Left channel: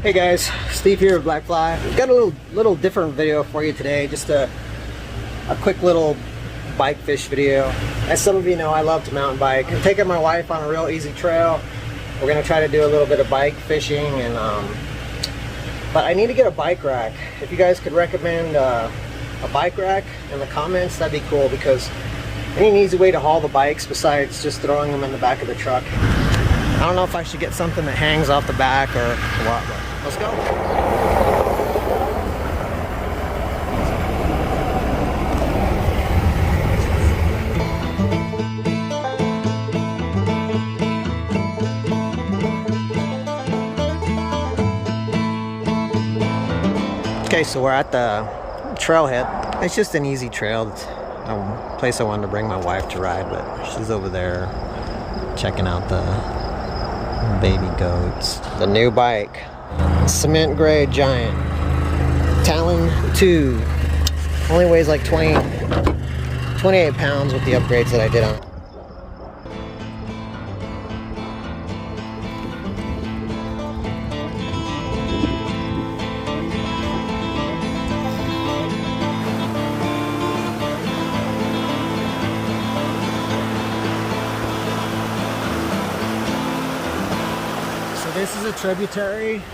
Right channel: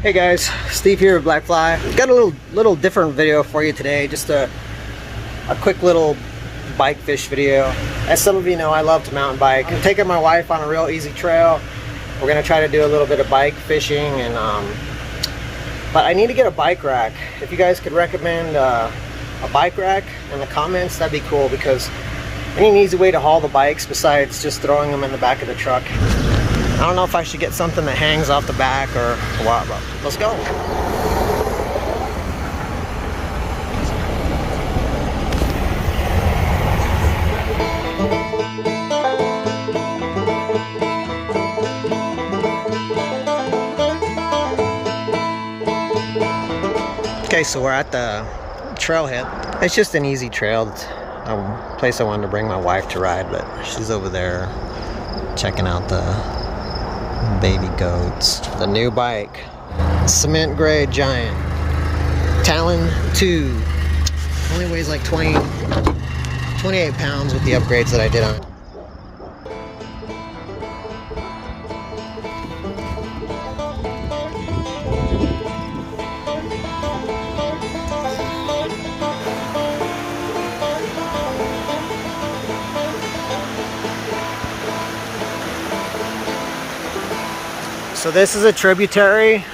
Hey guys, Steve here of Blackfly. Got a little different video for you today. Just a quick little bike fish video. As some of you know, I love to mountain bike. I'm taking my wife on a real easy trail. We're gonna try to do a little bit of bike fishing, and but I need to get a bike rack. If you guys could recommend a bike rack in the comments, that'd be cool, because I need an easy way to haul the bikes besides just throwing them in the back of the truck. I don't know if I should get something that hangs off the back or what, but let's go. Okay, so we're at the trailhead. It's just an easy trail. It's a place I wanted to bring my wife to ride, but she's over there checking out the baby goats. The new bike, cement gray giant Talon 2, only weighs like 28 pounds with the upgrades that I did on it. So this is a tributary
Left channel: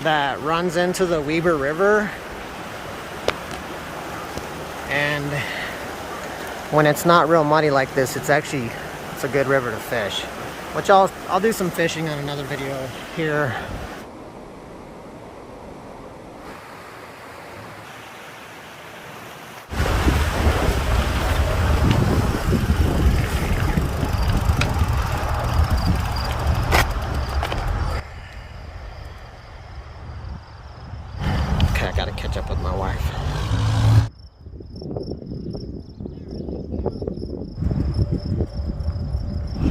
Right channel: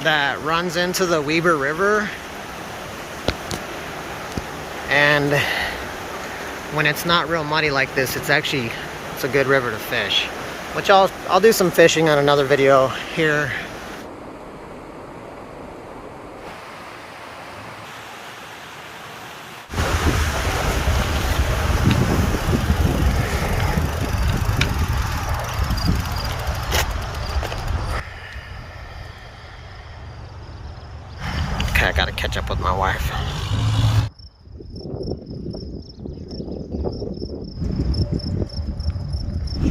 that runs into the Weber River, and when it's not real muddy like this, it's a good river to fish, which I'll do some fishing on another video here. I gotta catch up with my wife.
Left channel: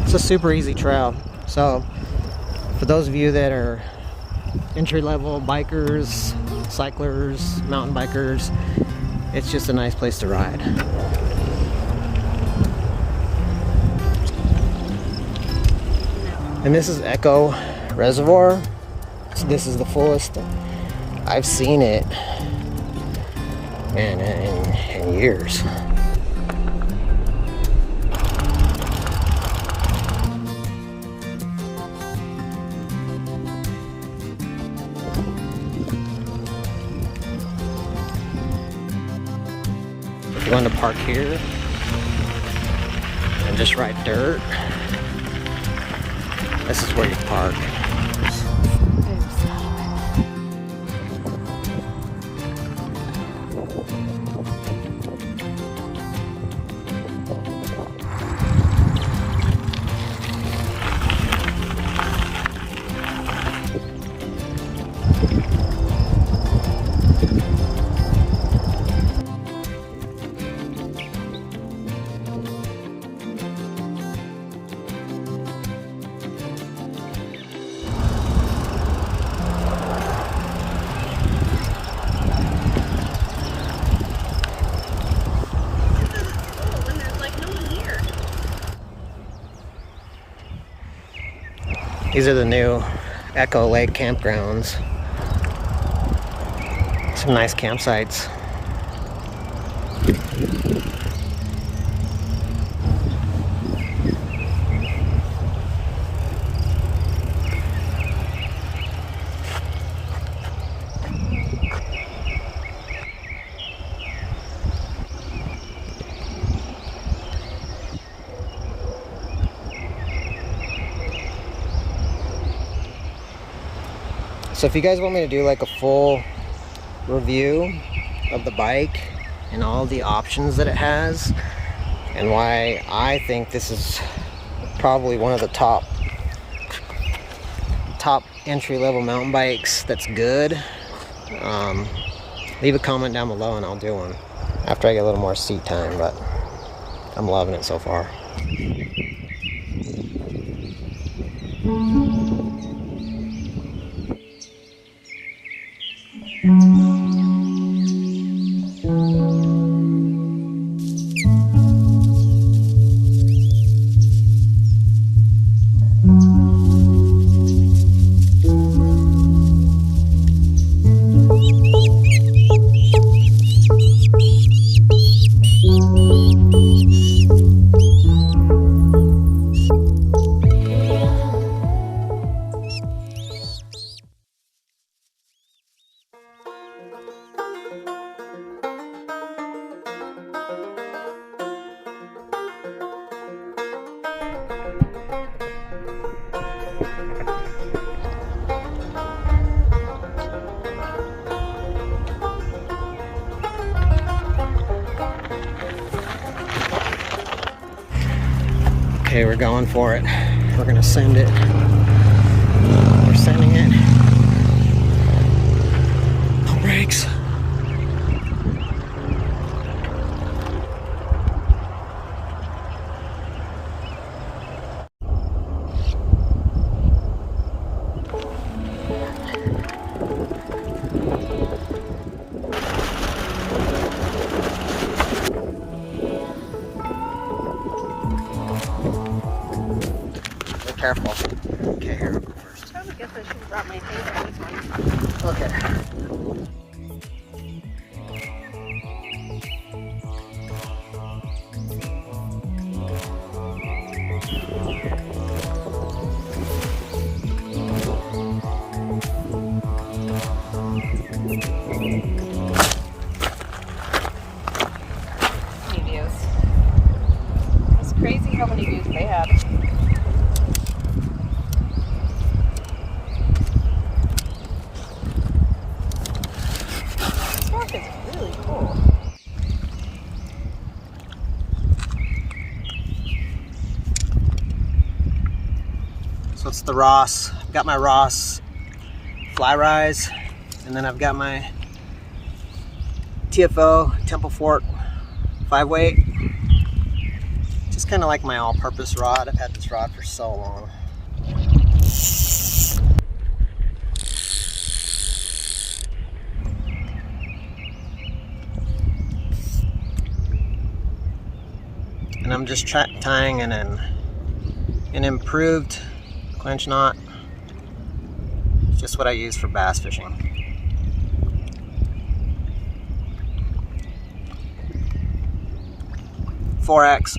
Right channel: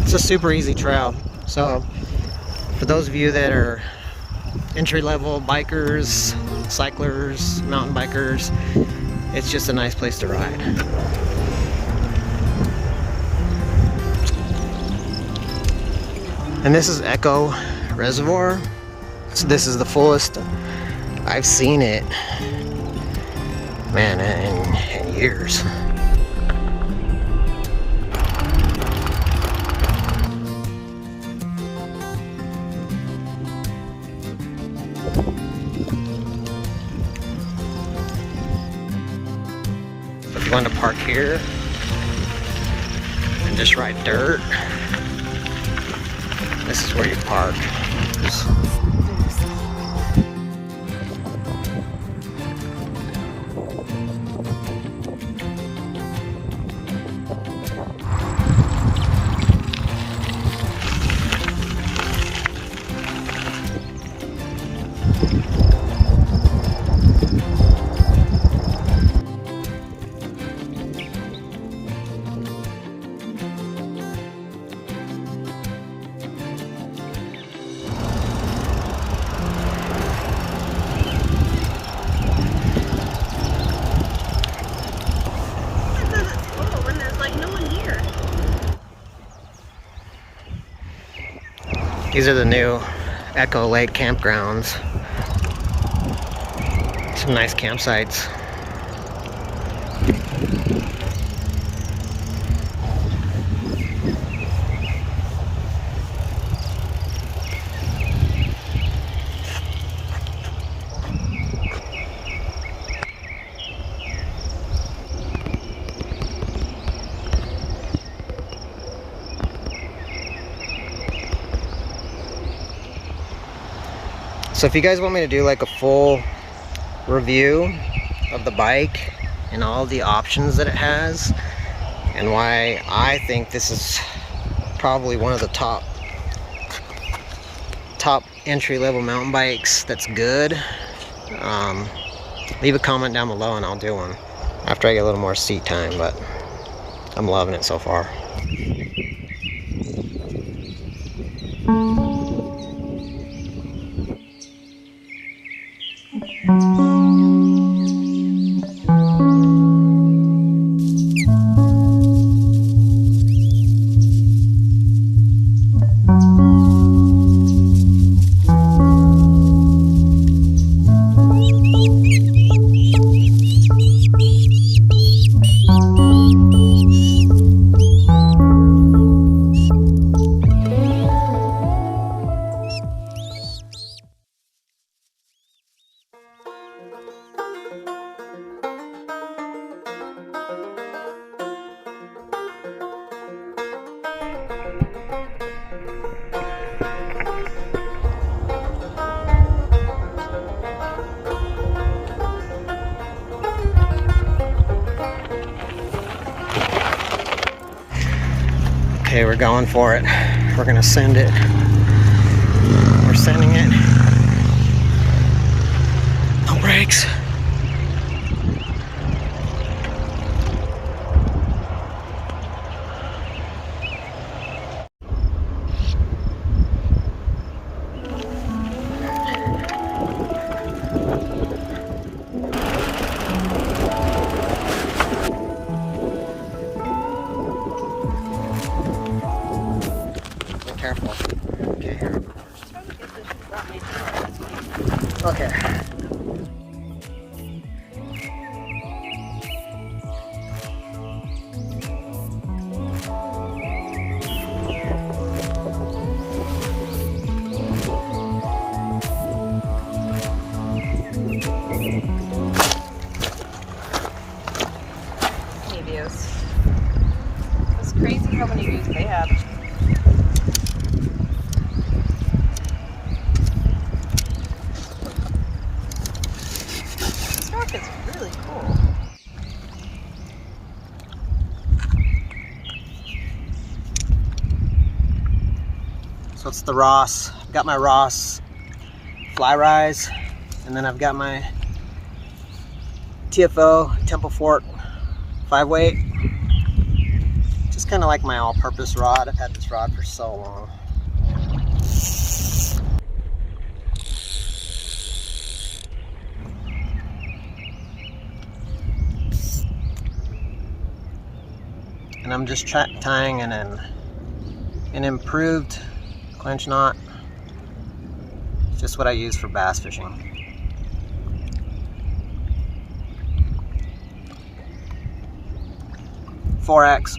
It's a super easy trail. So for those of you that are entry-level bikers, cyclers, mountain bikers, it's just a nice place to ride. And this is Echo Reservoir. So this is the fullest I've seen it, man, in years. If you want to park here and just ride dirt, this is where you park. These are the new Echo Lake campgrounds. Some nice campsites. So if you guys want me to do like a full review of the bike and all the options that it has, and why I think this is probably one of the top entry-level mountain bikes that's good, leave a comment down below and I'll do one after I get a little more seat time, but I'm loving it so far. Okay, we're going for it. We're gonna send it. We're sending it. No brakes. Be careful. Okay, here. Okay. Views. It's crazy how many views they have. This rock is really cool. So it's the Ross. I've got my Ross fly rise, and then I've got my TFO Temple Fort 5-weight. Just kind of like my all-purpose rod. I've had this rod for so long. And I'm just tying an improved clinch knot. It's just what I use for bass fishing. X.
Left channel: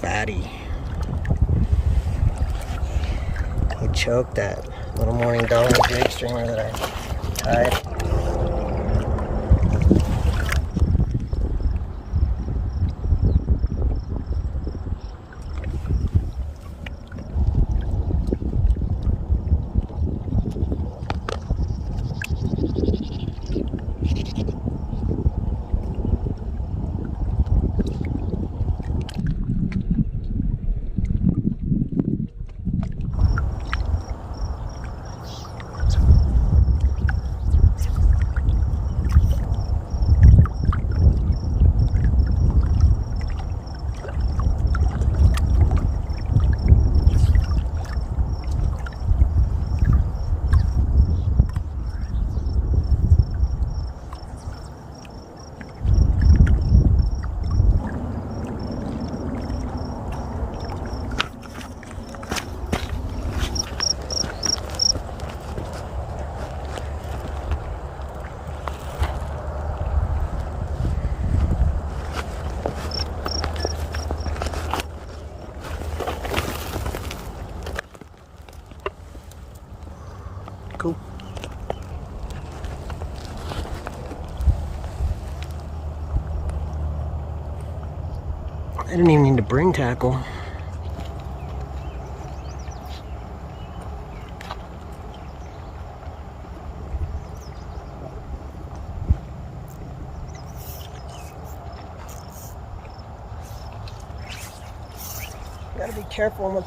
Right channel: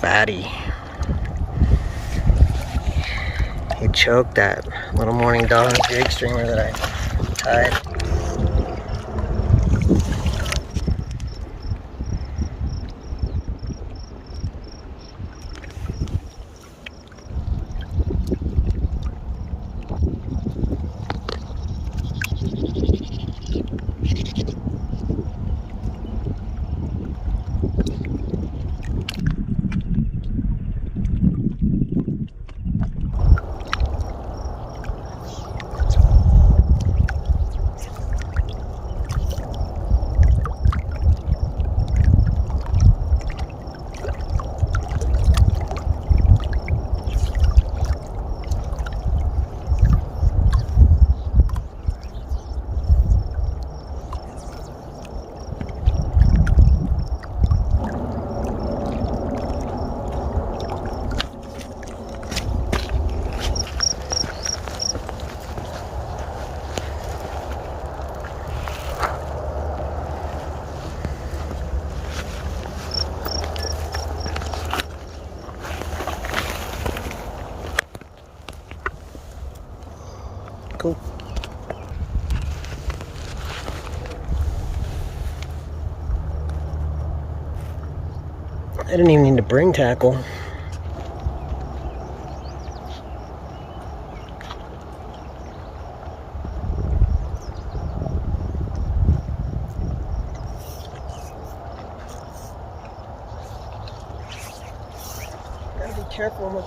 Fatty. He choked that little morning dog jig streamer that I tied. Cool. I didn't even need to bring tackle. Gotta be careful with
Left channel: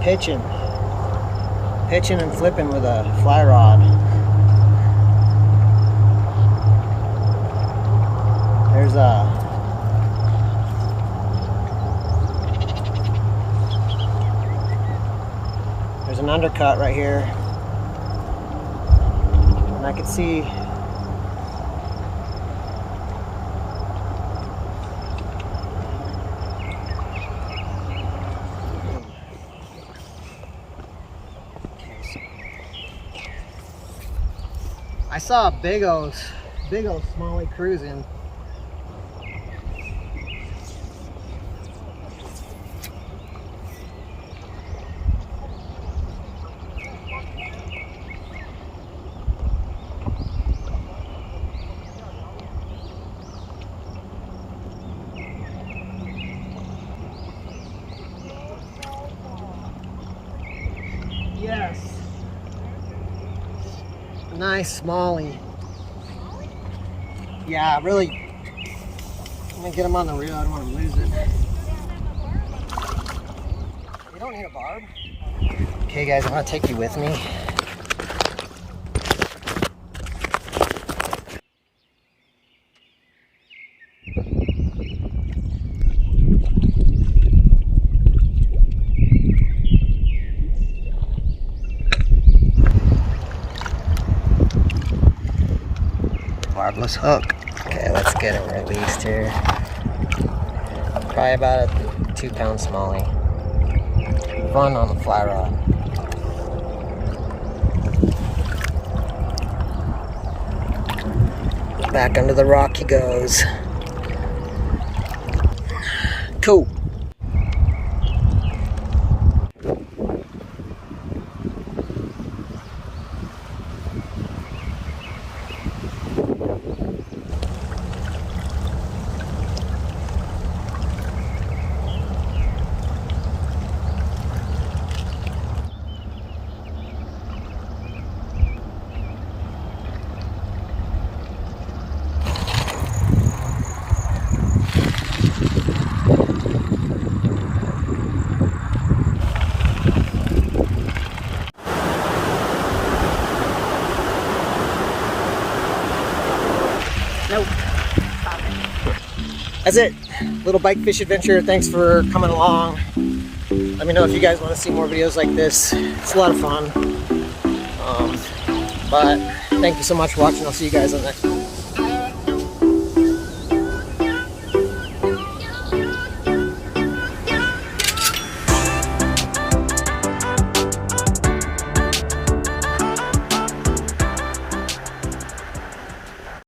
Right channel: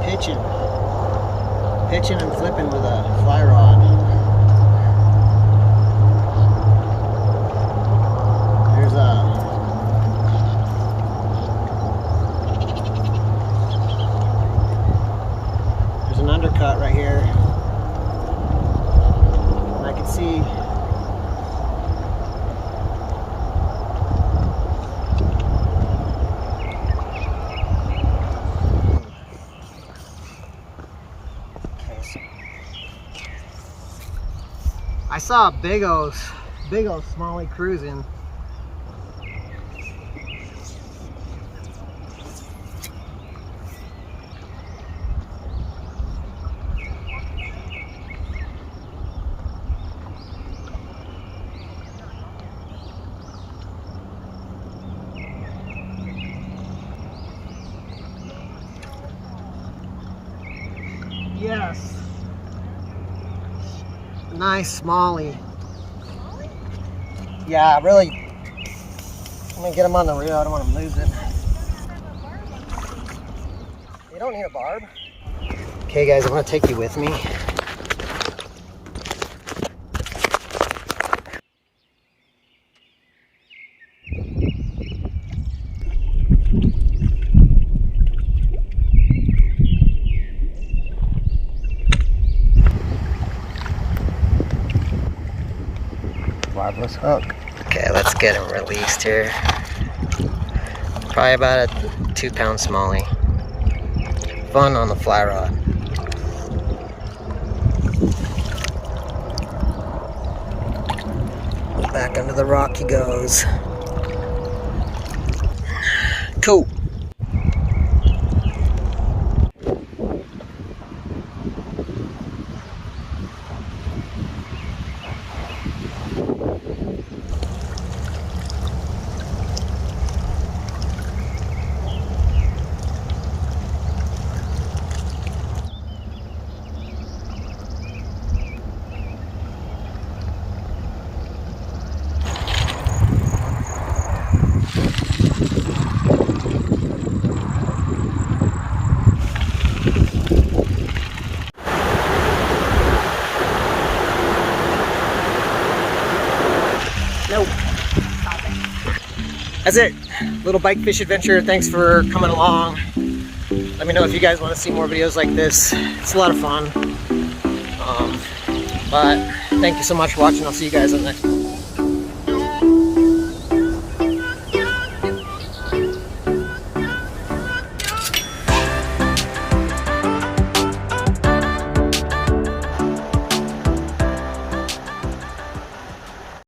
pitching and flipping with a fly rod. There's a There's an undercut right here. And I can see I saw a big old smallie cruising. Yes. Nice smallie. Yeah, really. I'm gonna get him on the reel. I don't want him losing. You don't need a barb. Okay, guys, I want to take you with me. Barbless hook. Okay, let's get him released here. Probably about a 2-pound smallie. Fun on the fly rod. Back under the rock he goes. Cool. Nope. That's it. Little bike fish adventure. Thanks for coming along. Let me know if you guys want to see more videos like this. It's a lot of fun. But thank you so much for watching. I'll see you guys on the next one.